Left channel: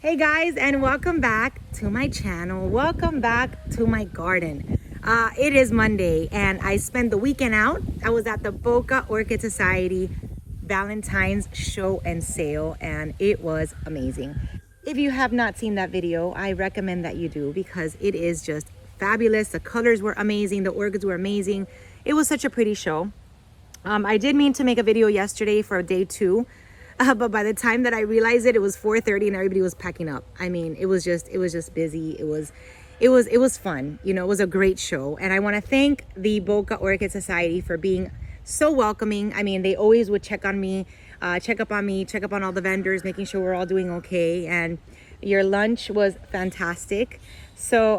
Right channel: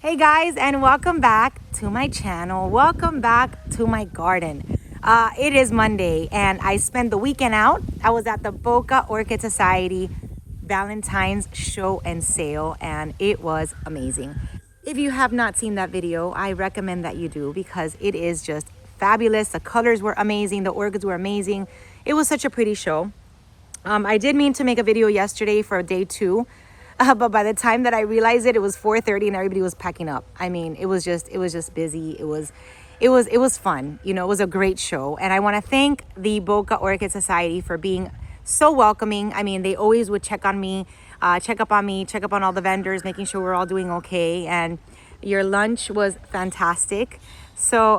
Hey guys, and welcome back to my channel. Welcome back to my garden. It is Monday and I spent the weekend out. I was at the Boca Orchid Society Valentine's show and sale, and it was amazing. If you have not seen that video, I recommend that you do because it is just fabulous. The colors were amazing. The orchids were amazing. It was such a pretty show. I did mean to make a video yesterday for day two, but by the time that I realized it was 4:30 and everybody was packing up. I mean, it was just busy. It was fun. You know, it was a great show, and I want to thank the Boca Orchid Society for being so welcoming. I mean, they always would check on me, check up on all the vendors, making sure we're all doing okay. And your lunch was fantastic. So,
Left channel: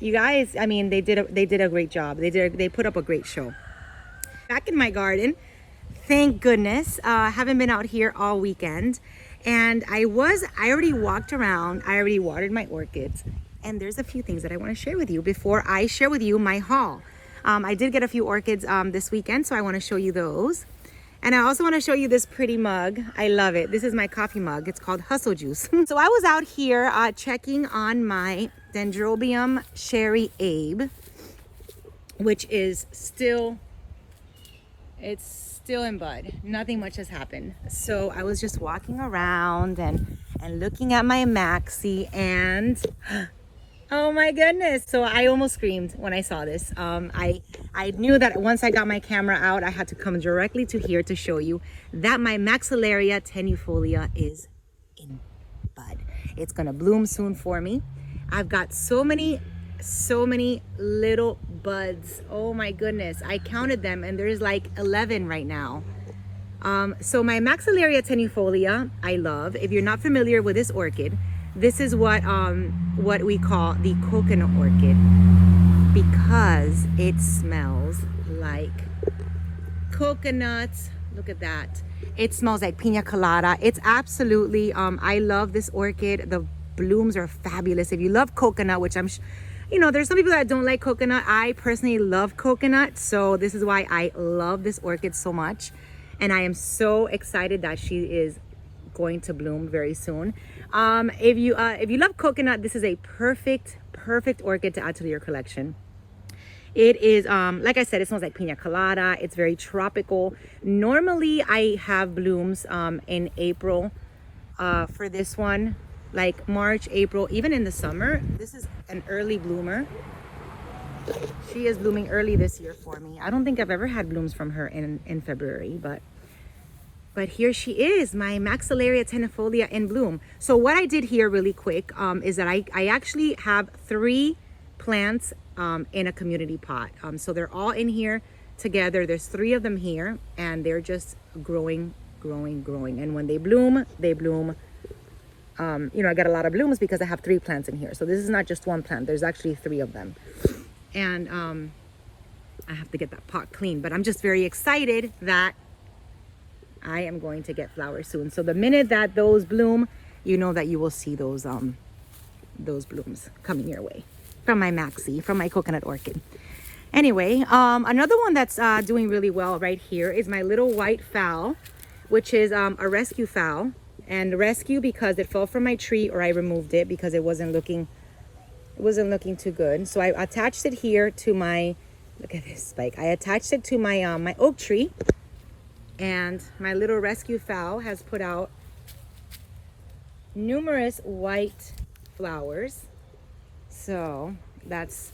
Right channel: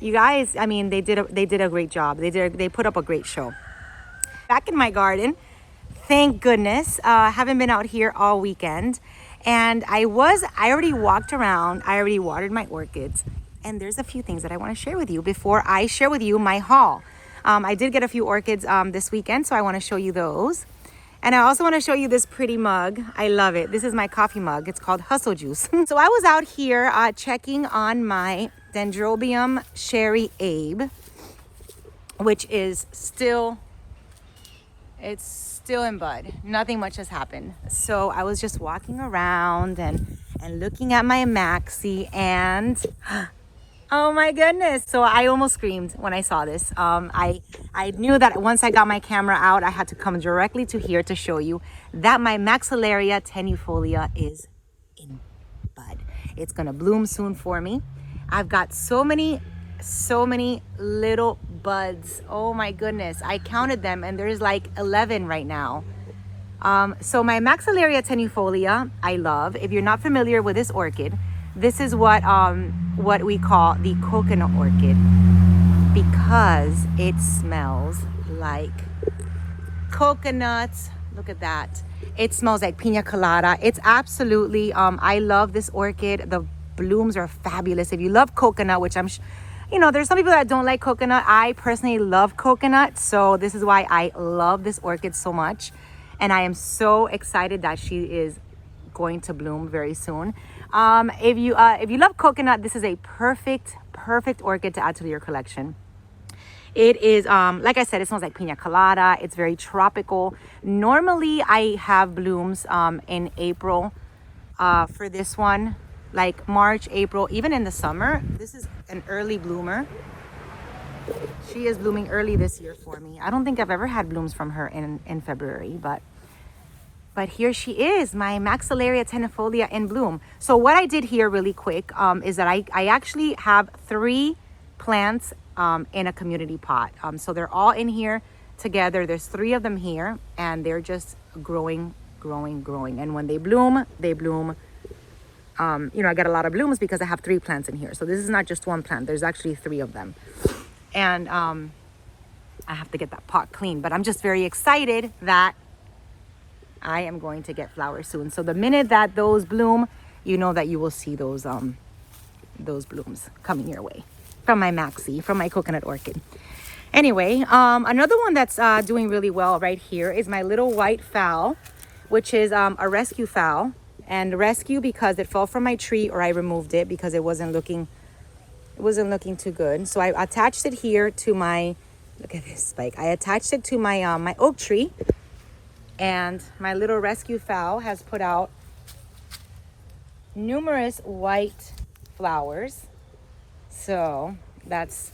you guys, I mean, they did a great job. They put up a great show. Back in my garden, thank goodness. Haven't been out here all weekend, and I already walked around. I already watered my orchids, and there's a few things that I want to share with you before I share with you my haul. I did get a few orchids this weekend, so I want to show you those. And I also want to show you this pretty mug. I love it. This is my coffee mug. It's called Hustle Juice. So I was out here checking on my Dendrobium Sherry Abe, which is still in bud. Nothing much has happened. So I was just walking around and looking at my maxi, and oh my goodness. So I almost screamed when I saw this. I knew that once I got my camera out, I had to come directly to here to show you that my Maxillaria tenuifolia is in bud. It's gonna bloom soon for me. I've got so many little buds. Oh my goodness, I counted them and there's like 11 right now. So my Maxillaria tenuifolia, I love. If you're not familiar with this orchid, this is what we call the coconut orchid, because it smells like coconuts. Look at that. It smells like pina colada. It's absolutely, I love this orchid. The blooms are fabulous. If you love coconut, which you know, there's some people that don't like coconut. I personally love coconut, so this is why I love this orchid so much. And I am so excited that she is going to bloom very soon. If you love coconut, this is a perfect orchid to add to your collection. It is, like I said, it smells like pina colada. It's very tropical. Normally, I have blooms in April for this one, like March, April, even in the summer. This is an early bloomer. She is blooming early this year for me. I don't think I've ever had blooms from her in February, but here she is, my Maxillaria tenuifolia in bloom. So what I did here really quick is that I actually have 3 plants in a community pot. So they're all in here together. There's 3 of them here, and they're just growing. And when they bloom, you know, I get a lot of blooms because I have 3 plants in here. So this is not just 1 plant. There's actually 3 of them. And I have to get that pot clean. But I'm just very excited that I am going to get flowers soon. So the minute that those bloom, you know that you will see those blooms coming your way from my maxi, from my coconut orchid. Anyway, another one that's doing really well right here is my little white fowl, which is a rescue fowl. And rescue because it fell from my tree, or I removed it because it wasn't looking too good. So I attached it here to my, look at this spike. I attached it to my my oak tree, and my little rescue fowl has put out numerous white flowers. So that's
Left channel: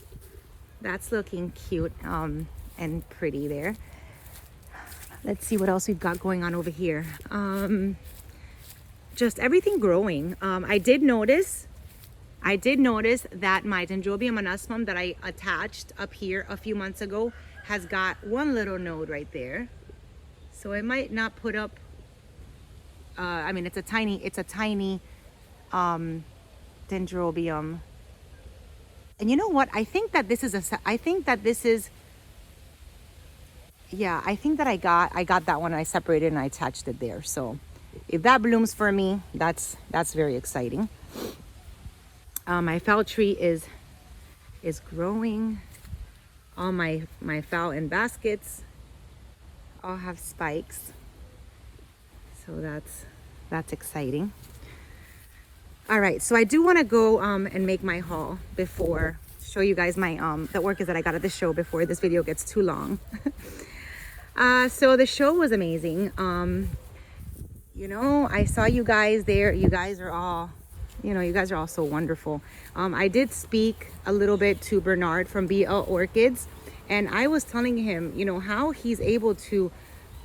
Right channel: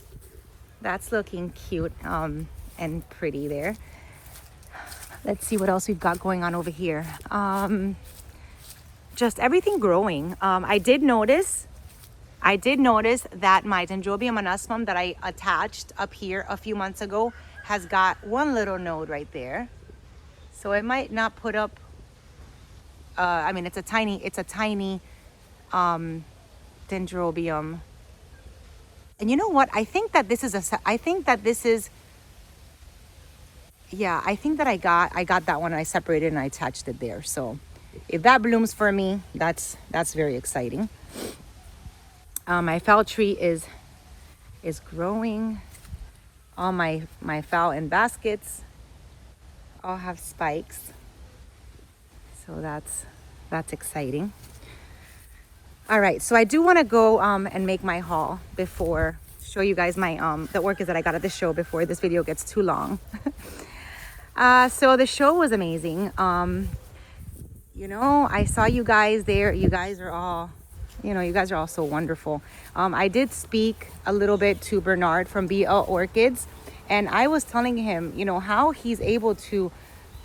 looking cute and pretty there. Let's see what else we've got going on over here. Just everything growing. I did notice that my Dendrobium anosmum that I attached up here a few months ago has got 1 little node right there. So it might not put up, I mean, it's a tiny Dendrobium. And you know what? I think that I got that one and I separated and I attached it there. So if that blooms for me, that's very exciting. My fowl tree is growing. All my fowl in baskets all have spikes. So that's exciting. All right, so I do want to go and make my haul before show you guys my the orchids that I got at the show before this video gets too long. So the show was amazing. You know, I saw you guys there. You guys are all, you know, you guys are all so wonderful. I did speak a little bit to Bernard from BL Orchids, and I was telling him, you know, how he's able to,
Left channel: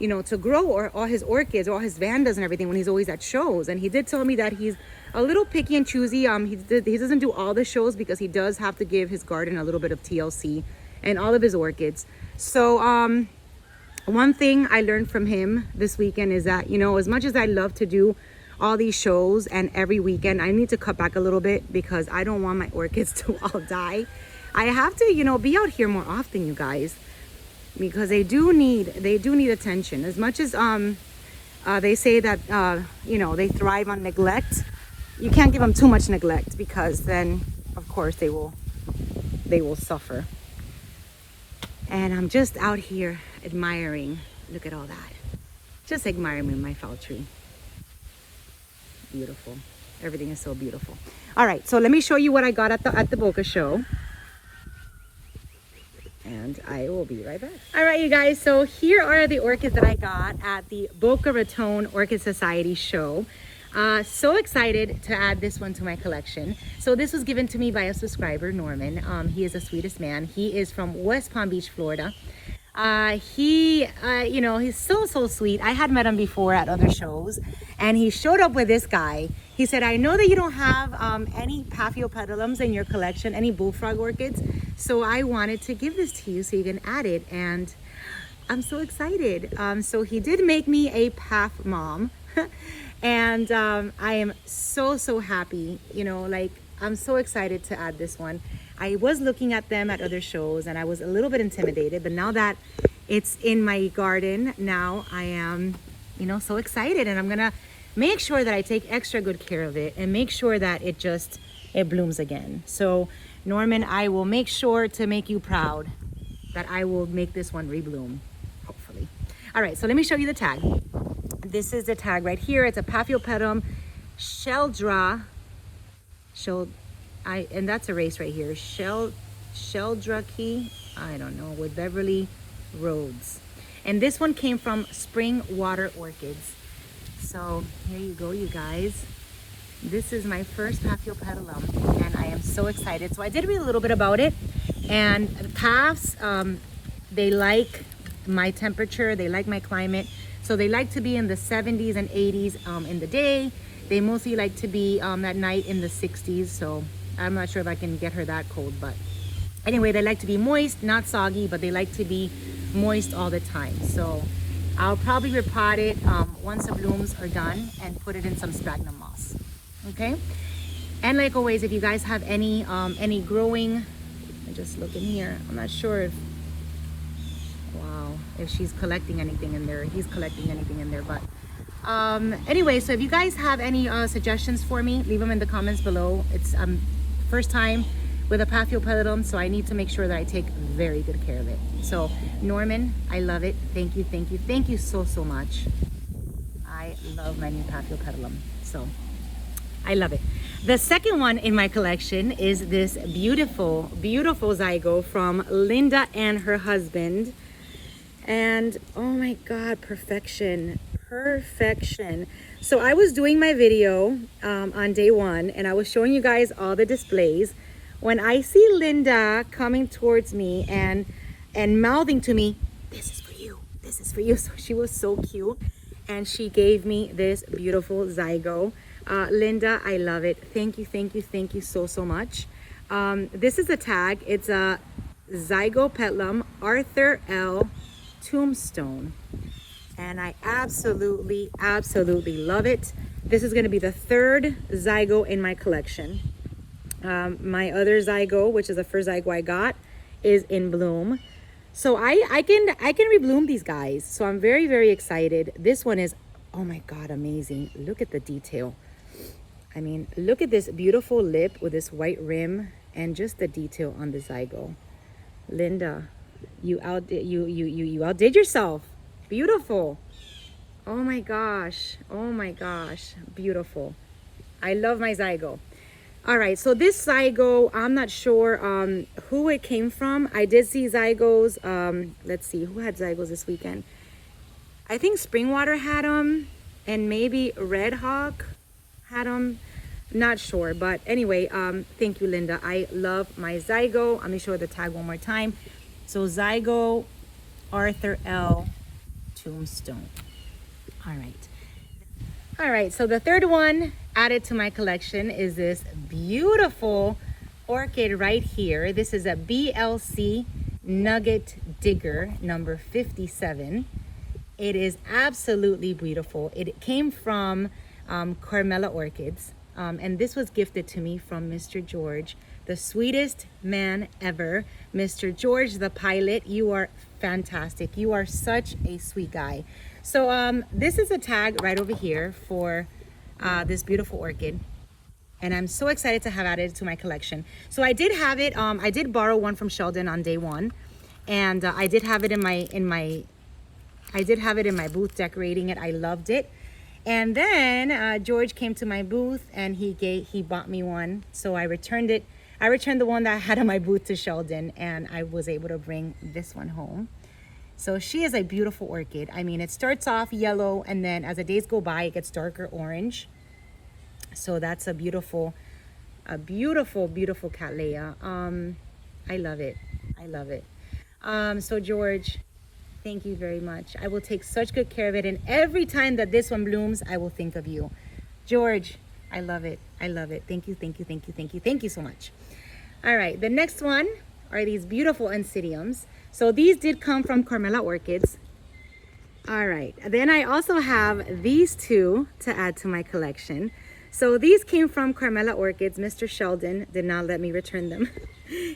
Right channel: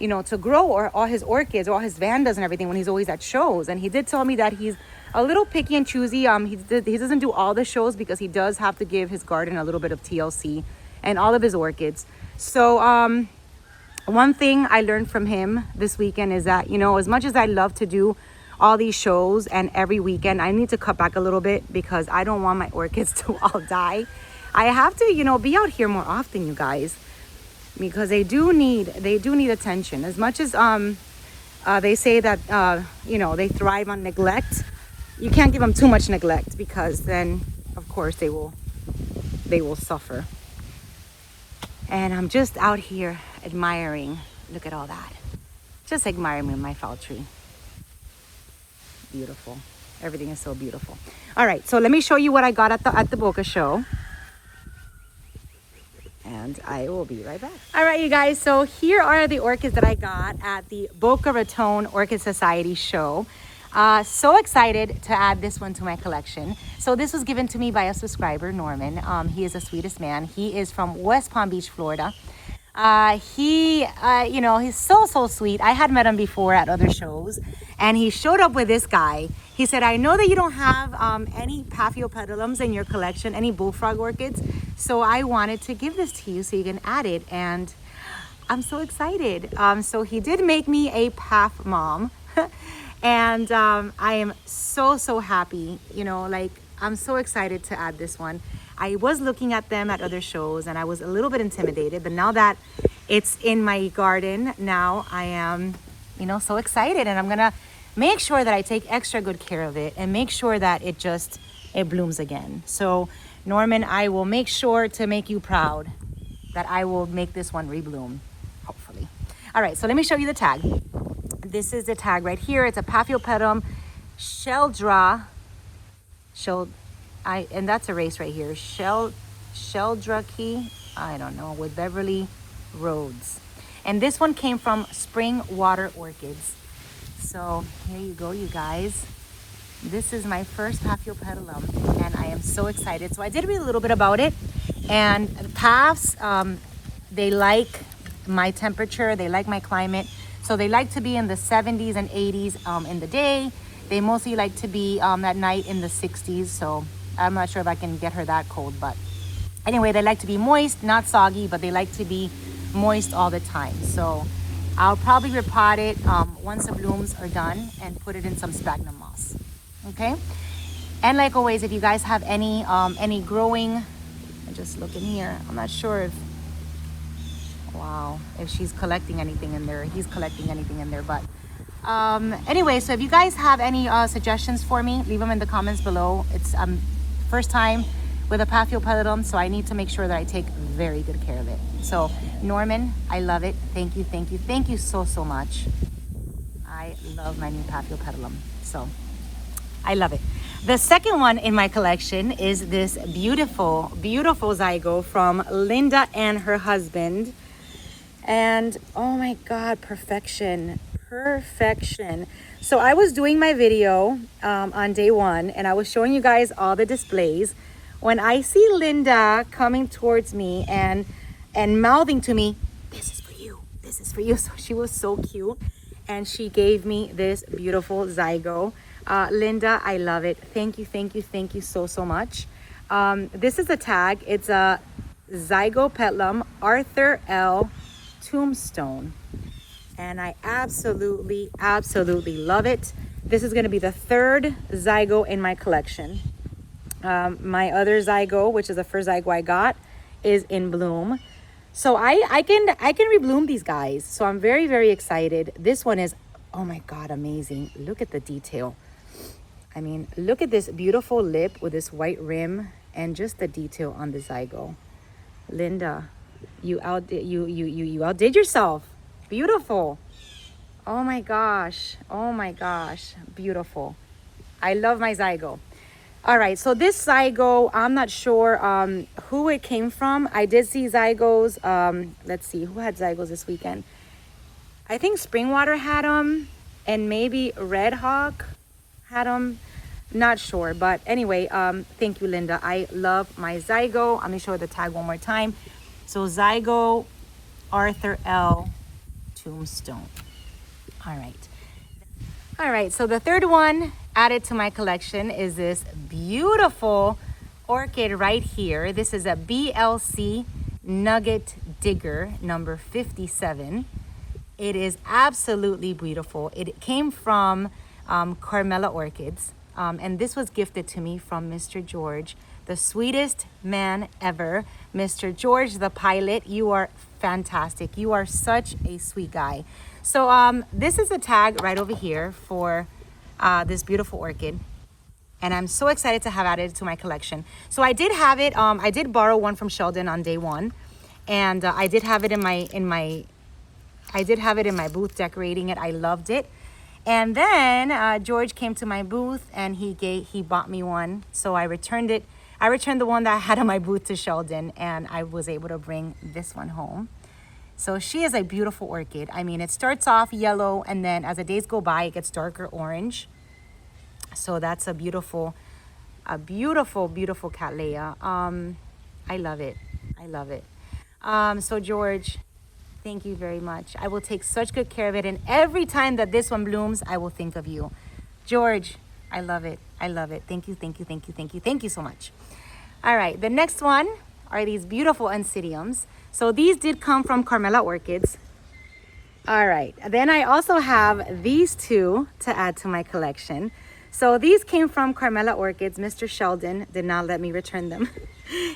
you know, to grow all his orchids, all his vandas and everything when he's always at shows. And he did tell me that he's a little picky and choosy. He doesn't do all the shows because he does have to give his garden a little bit of TLC and all of his orchids. So one thing I learned from him this weekend is that, you know, as much as I love to do all these shows and every weekend, I need to cut back a little bit because I don't want my orchids to all die. I have to, you know, be out here more often, you guys, because they do need attention. As much as they say that you know, they thrive on neglect, you can't give them too much neglect because then of course they will suffer. And I'm just out here admiring. Look at all that. Just admiring my fall tree. Beautiful. Everything is so beautiful. All right, so let me show you what I got at the Boca show. And I will be right back. All right, you guys, so here are the orchids that I got at the Boca Raton Orchid Society show. So excited to add this one to my collection. So this was given to me by a subscriber, Norman. He is the sweetest man. He is from West Palm Beach, Florida. You know, he's so sweet. I had met him before at other shows, and he showed up with this guy. He said, I know that you don't have any Paphiopedilums in your collection, any bullfrog orchids, so I wanted to give this to you so you can add it, and I'm so excited. So he did make me a Paph mom. And I am so happy, you know, like I'm so excited to add this one. I was looking at them at other shows and I was a little bit intimidated, but now that it's in my garden, now I am, you know, so excited, and I'm gonna make sure that I take extra good care of it and make sure that it blooms again. So Norman, I will make sure to make you proud that I will make this one rebloom, hopefully. All right, so let me show you the tag. This is the tag right here. It's a Paphiopedilum Sheldra, and that's a race right here. Sheldraki, I don't know, with Beverly Rhodes. And this one came from Spring Water Orchids. So here you go, you guys. This is my first Paphiopedilum, and I am so excited. So I did read a little bit about it, and Paphs, they like my temperature, they like my climate. So they like to be in the 70s and 80s in the day. They mostly like to be at night in the 60s. So I'm not sure if I can get her that cold, but anyway, they like to be moist, not soggy, but they like to be moist all the time. So I'll probably repot it once the blooms are done and put it in some sphagnum moss. Okay. And like always, if you guys have any growing, I just look in here. I'm not sure if, wow, if she's collecting anything in there, he's collecting anything in there, but anyway, so if you guys have any suggestions for me, leave them in the comments below. It's first time with a Paphiopedilum, so I need to make sure that I take very good care of it. So Norman, I love it. Thank you so much. I love my new Paphiopedilum, so I love it. The second one in my collection is this beautiful zygo from Linda and her husband. And oh my God, perfection. So I was doing my video on day one, and I was showing you guys all the displays when I see Linda coming towards me and mouthing to me, this is for you. So she was so cute, and she gave me this beautiful zygo. Linda, I love it. Thank you so much. This is a tag. It's a Zygopetalum Arthur L. Tombstone, and I absolutely love it. This is going to be the third zygo in my collection. My other zygo, which is the first zygo I got, is in bloom, so I can rebloom these guys. So I'm very excited. This one is, oh my God, amazing. Look at the detail. I mean, look at this beautiful lip with this white rim and just the detail on the zygo. Linda, you outdid yourself. Beautiful. Oh my gosh, beautiful. I love my zygo. All right, so this zygo, I'm not sure who it came from. I did see zygos. Let's see, who had zygos this weekend? I think Springwater had them, and maybe Red Hawk had them. Not sure, but anyway, thank you, Linda. I love my zygo. Let me show the tag one more time. So zygo Arthur L. Tombstone. All right. All right, so the third one added to my collection is this beautiful orchid right here. This is a BLC Nugget Digger number 57. It is absolutely beautiful. It came from Carmela Orchids, and this was gifted to me from Mr. George, the sweetest man ever. Mr. George, the pilot, you are fantastic. You are such a sweet guy. So this is a tag right over here for this beautiful orchid, and I'm so excited to have added it to my collection. So I did have it. I did borrow one from Sheldon on day one, and I did have it in my booth decorating it. I loved it. And then George came to my booth and he bought me one. So I returned it. I returned the one that I had in my booth to Sheldon, and I was able to bring this one home. So she is a beautiful orchid. I mean, it starts off yellow, and then as the days go by, it gets darker orange. So that's a beautiful, beautiful Cattleya. I love it. I love it. So George, thank you very much. I will take such good care of it. And every time that this one blooms, I will think of you. George, I love it. I love it. Thank you, thank you, thank you, thank you. Thank you so much. All right, the next one are these beautiful Oncidiums. So these did come from Carmela Orchids. All right, then I also have these two to add to my collection. So these came from Carmela Orchids. Mr. Sheldon did not let me return them.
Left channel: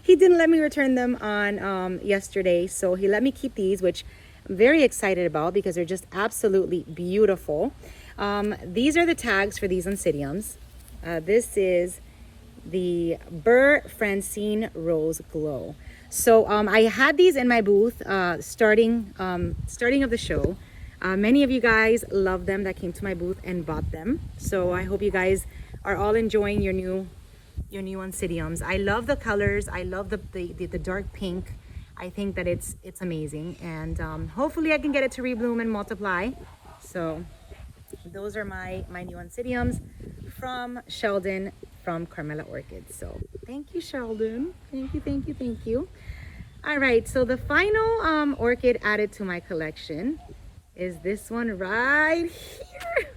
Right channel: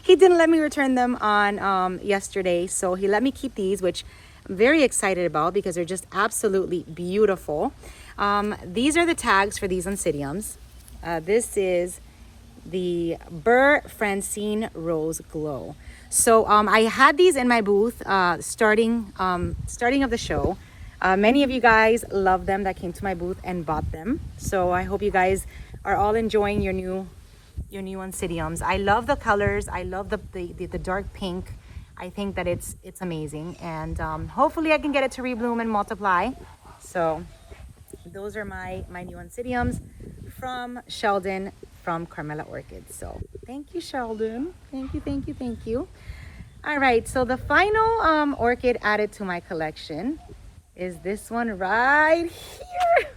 He didn't let me return them on yesterday. So he let me keep these, which I'm very excited about because they're just absolutely beautiful. These are the tags for these Oncidiums. This is the Burr Francine Rose Glow. So I had these in my booth starting of the show. Many of you guys love them that came to my booth and bought them. So I hope you guys are all enjoying your new Oncidiums. I love the colors. I love the dark pink. I think that it's amazing, and hopefully I can get it to rebloom and multiply. So those are my new Oncidiums from Sheldon from Carmela Orchids. So thank you, Sheldon. Thank you, thank you, thank you. All right, so the final orchid added to my collection is this one right here.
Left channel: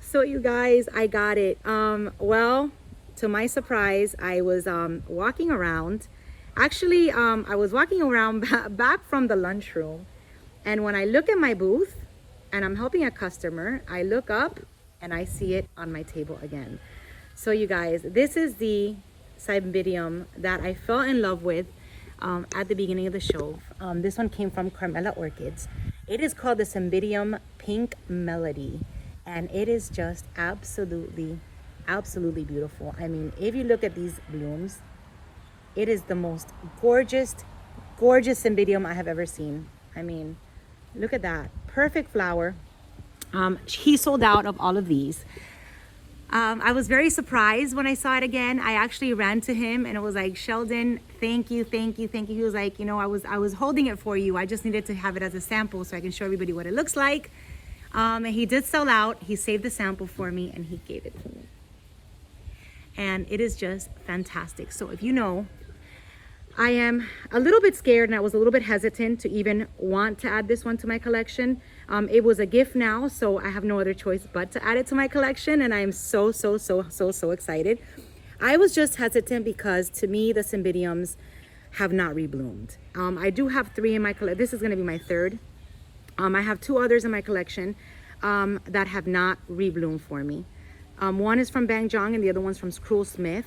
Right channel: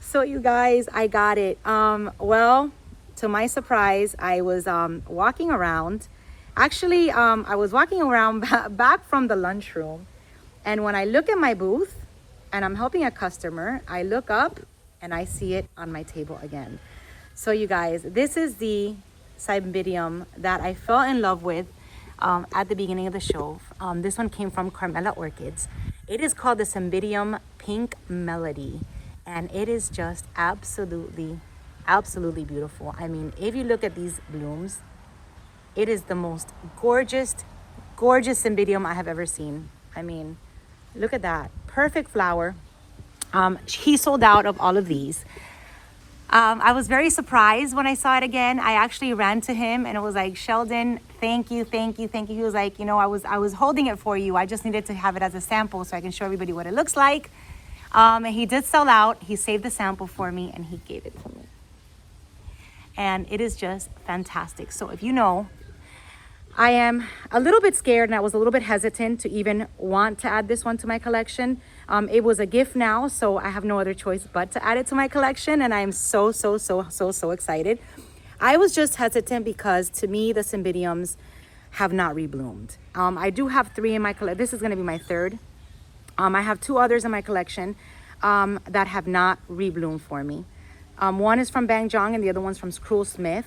So you guys, I got it. Well, to my surprise, I was walking around. Actually, I was walking around back from the lunchroom, and when I look at my booth and I'm helping a customer, I look up and I see it on my table again. So you guys, this is the Cymbidium that I fell in love with at the beginning of the show. This one came from Carmela Orchids. It is called the Cymbidium Pink Melody, and it is just absolutely beautiful. I mean, if you look at these blooms, it is the most gorgeous Cymbidium I have ever seen. I mean, look at that, perfect flower. He sold out of all of these. I was very surprised when I saw it again. I actually ran to him and it was like, Sheldon, thank you, thank you, thank you. He was like, you know, I was holding it for you. I just needed to have it as a sample so I can show everybody what it looks like. And he did sell out. He saved the sample for me and he gave it to me. And it is just fantastic. So if you know, I am a little bit scared and I was a little bit hesitant to even want to add this one to my collection. It was a gift now, so I have no other choice but to add it to my collection, and I am so excited. I was just hesitant because to me the Cymbidiums have not rebloomed. I do have 3 in my collection. This is going to be my 3rd. I have 2 others in my collection that have not rebloomed for me. One is from Bang Jong and the other one's from Cruel Smith.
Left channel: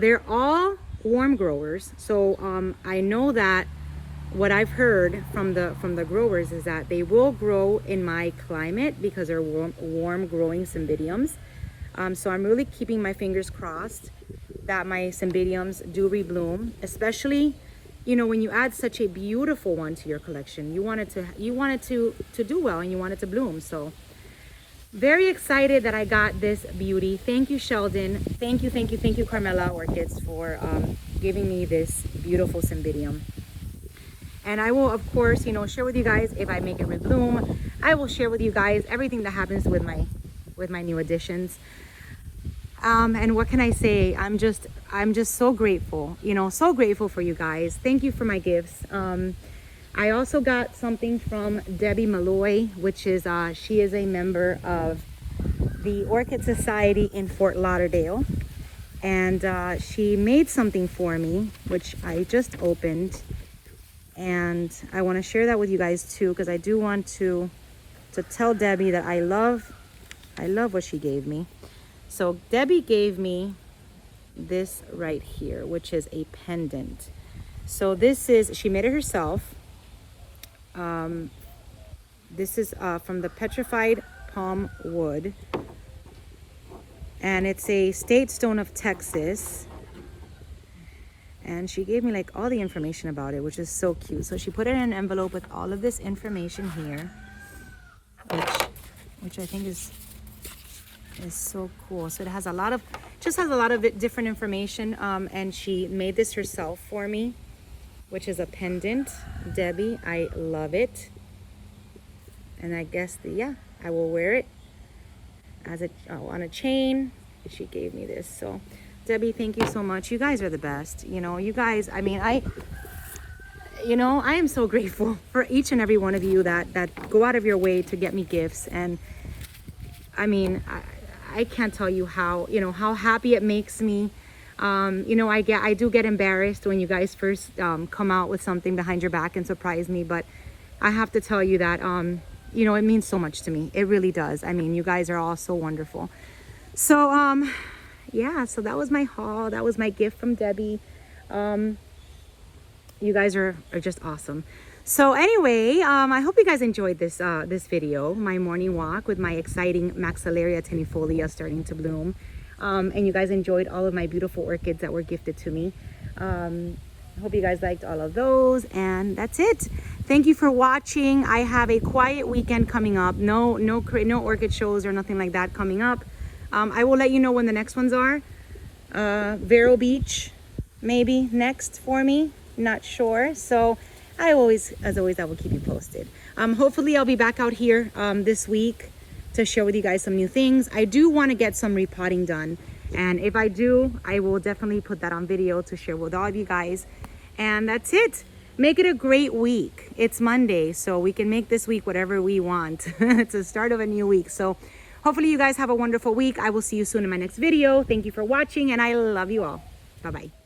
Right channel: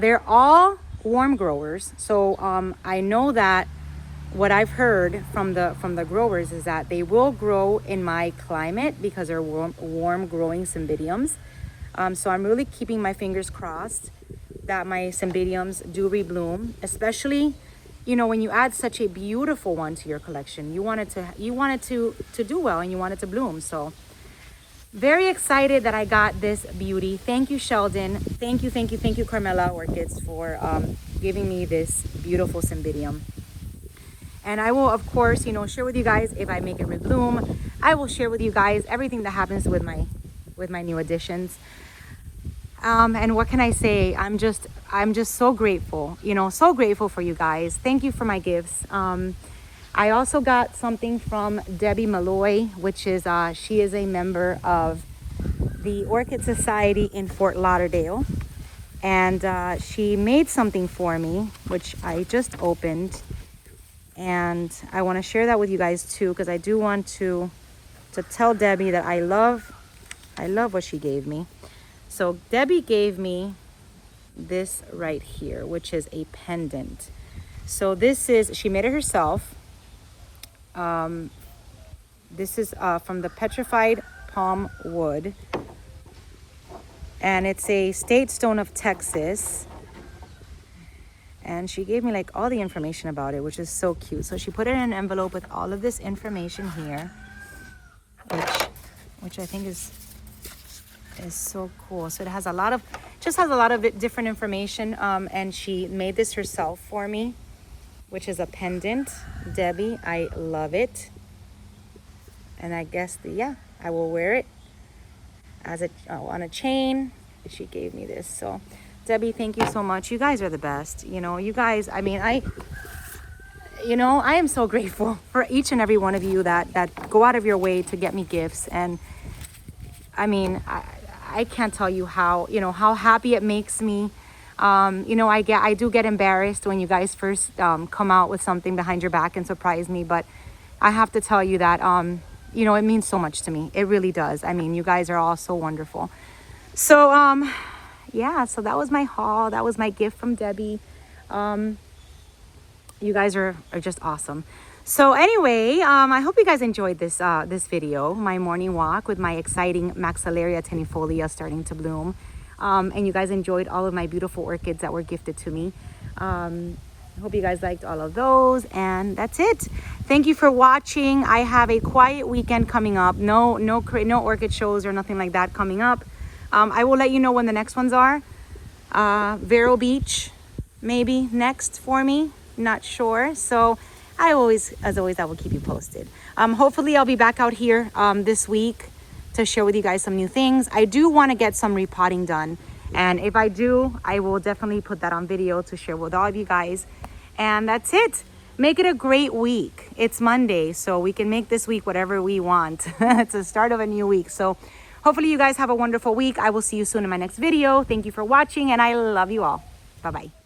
They're all warm growers, so I know that what I've heard from the growers is that they will grow in my climate because they're warm growing Cymbidiums. So I'm really keeping my fingers crossed that my Cymbidiums do rebloom, especially, you know, when you add such a beautiful one to your collection. You want it to do well and you want it to bloom. So very excited that I got this beauty. Thank you, Sheldon. Thank you, Carmela Orchids, for giving me this beautiful cymbidium. And I will, of course, you know, share with you guys if I make it rebloom. I will share with you guys everything that happens with my new additions. And what can I say? I'm just so grateful, you know, so grateful for you guys. Thank you for my gifts. I also got something from Debbie Malloy, which is she is a member of the Orchid Society in Fort Lauderdale, and she made something for me, which I just opened, and I want to share that with you guys too, because I do want to tell Debbie that I love what she gave me. So Debbie gave me this right here, which is a pendant. So this is, she made it herself. This is from the petrified palm wood, and it's a state stone of Texas. And she gave me like all the information about it, which is so cute. So she put it in an envelope with all of this information here, which I think is so cool. So it has a lot of, different information, and she made this herself for me, which is a pendant. Debbie, I love it. And I guess I will wear it as on a chain. She gave me this. So Debbie, thank you so much. You guys are the best. You know, you guys, I mean, I am so grateful for each and every one of you that go out of your way to get me gifts. And I mean, I can't tell you how, you know, how happy it makes me. You know, I do get embarrassed when you guys first come out with something behind your back and surprise me, but I have to tell you that you know, it means so much to me. It really does. I mean, you guys are all so wonderful. So yeah, so that was my haul. That was my gift from Debbie. You guys are just awesome. So anyway, I hope you guys enjoyed this this video, my morning walk with my exciting Maxillaria tenuifolia starting to bloom. And you guys enjoyed all of my beautiful orchids that were gifted to me. I hope you guys liked all of those, and that's it. Thank you for watching. I have a quiet weekend coming up. No orchid shows or nothing like that coming up. I will let you know when the next ones are. Vero Beach, maybe next for me. Not sure. So as always, I will keep you posted. Hopefully I'll be back out here this week to share with you guys some new things. I do want to get some repotting done, and if I do, I will definitely put that on video to share with all of you guys. And that's it. Make it a great week. It's Monday, so we can make this week whatever we want. It's the start of a new week. So hopefully you guys have a wonderful week. I will see you soon in my next video. Thank you for watching, and I love you all. Bye-bye.